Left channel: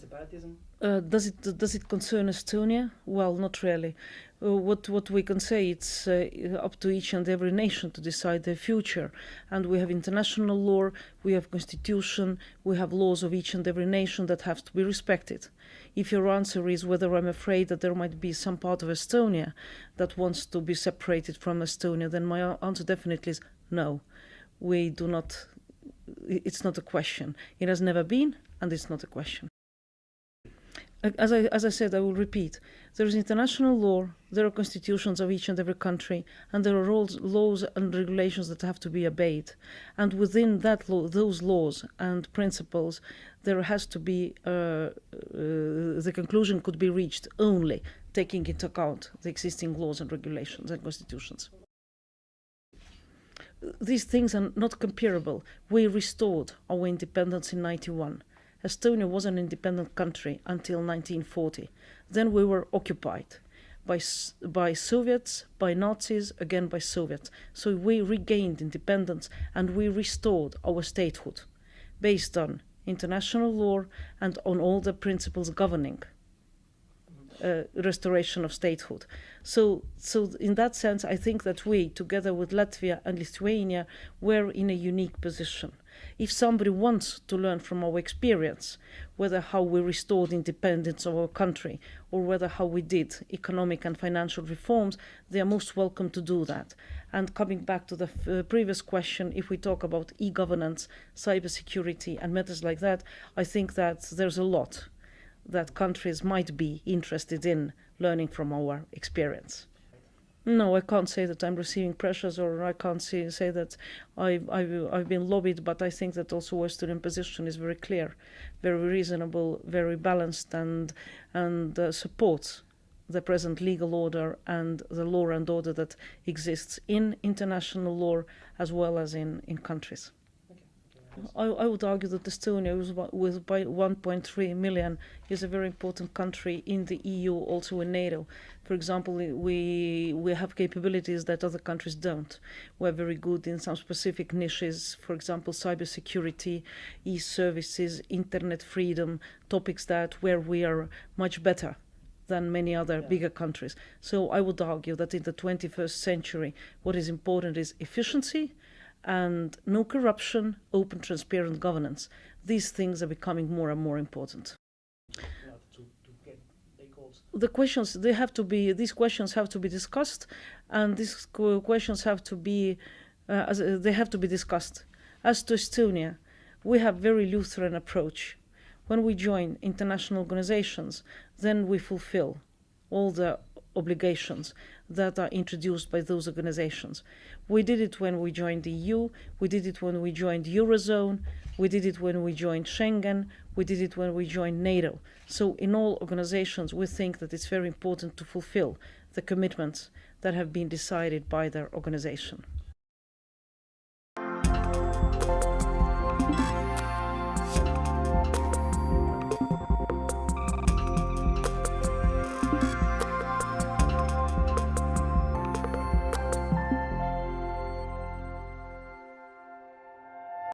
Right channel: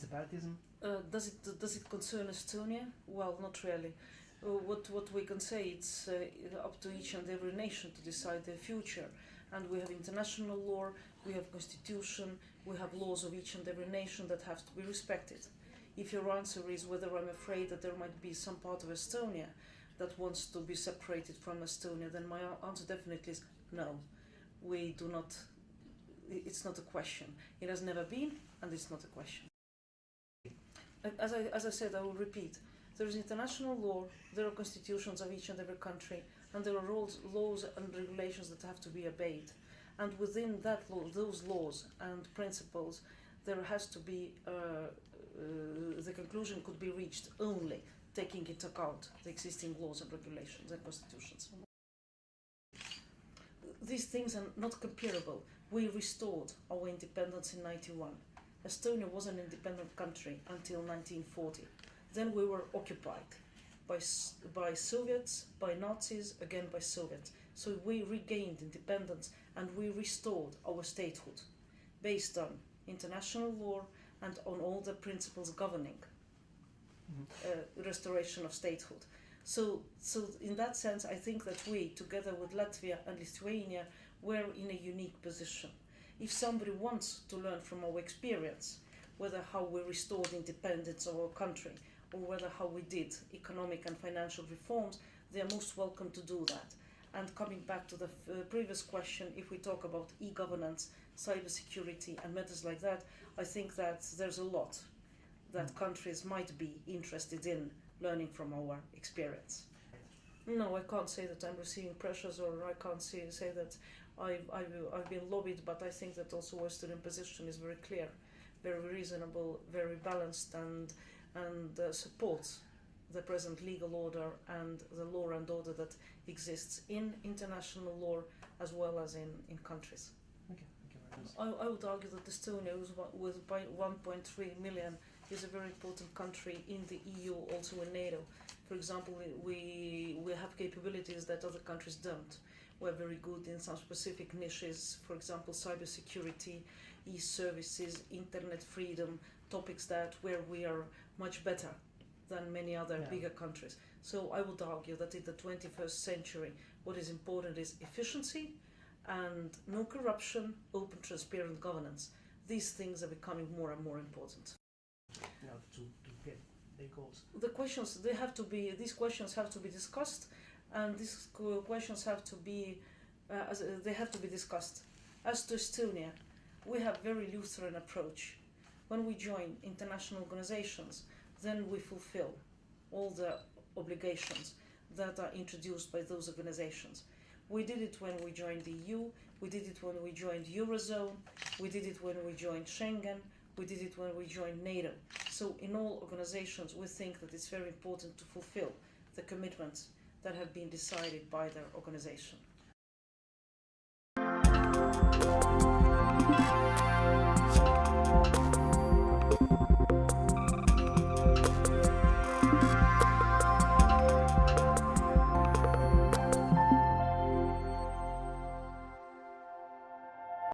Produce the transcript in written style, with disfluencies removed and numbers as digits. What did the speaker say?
Separatism? Does it concern Estonia? Well, not really. What we can say, it's up to each and every nation to decide their future. And we have international law, we have constitution, we have laws of each and every nation that have to be respected. If your answer is whether I'm afraid that there might be some part of Estonia that wants to be separated from Estonia, then my answer definitely is no. We do not, it's not a question. It has never been, and it's not a question. As I said, I will repeat, there is international law, there are constitutions of each and every country, and there are laws and regulations that have to be obeyed. And within that law, those laws and principles, there has to be, the conclusion could be reached only taking into account the existing laws and regulations and constitutions. These things are not comparable. We restored our independence in 91. Estonia was an independent country until 1940. Then we were occupied by Soviets, by Nazis, again by Soviets. So we regained independence and we restored our statehood based on international law and on all the principles governing restoration of statehood. So in that sense, I think that we, together with Latvia and Lithuania, were in a unique position. If somebody wants to learn from our experience, whether how we restored independence of our country or whether how we did economic and financial reforms, they are most welcome to do that. And coming back to the previous question, if we talk about e-governance, cybersecurity and matters like that, I think that there's a lot that countries might be interested in learning from our experience. No, I can't say that I'm receiving pressures, or I can't say that I've been lobbied, but I think that also Estonian position is very clear, very reasonable, very balanced, and supports the present legal order and the law and order that exists in international law as well as in countries. I would argue that Estonia, with 1.3 million, is a very important country in the EU, also in NATO. For example, we have capabilities that other countries don't. We're very good in some specific niches, for example, cybersecurity, e-services, internet freedom, topics that where we are much better than many other bigger countries. So I would argue that in the 21st century, what is important is efficiency, and no corruption, open, transparent governance. These things are becoming more and more important. The questions, these questions have to be discussed, and these questions have to be, they have to be discussed. As to Estonia, we have very Lutheran approach. When we join international organizations, then we fulfill all the obligations that are introduced by those organizations. We did it when we joined the EU, we did it when we joined Eurozone, we did it when we joined Schengen, we did it when we joined NATO. So in all organizations, we think that it's very important to fulfill the commitments that have been decided by their organization.